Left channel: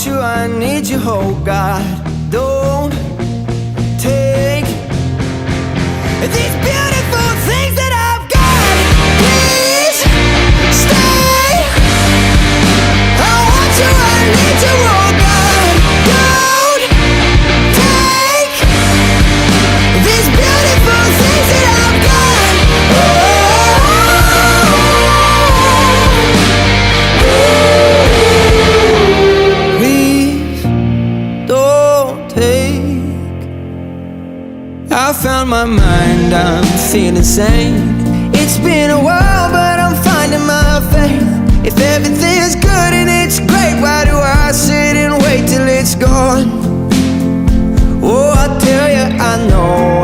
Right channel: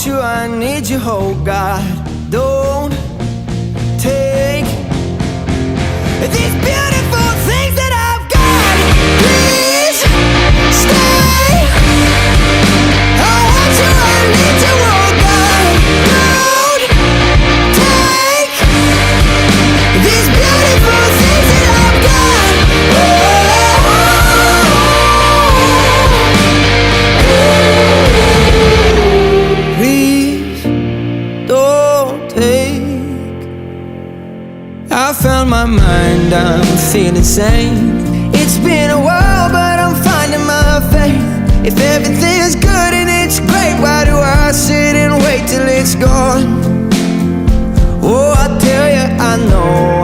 want you, I need you, oh God. Don't take these beautiful things that I've got. Please stay. I want you, I need you, oh God. Don't take these beautiful things that I've got. Please don't take. I found my mind, I'm feeling sane. It's been a while, but I'm finding my faith. If everything's good and it's great, why do I sit and wait till it's gone? Oh, I tell you, I know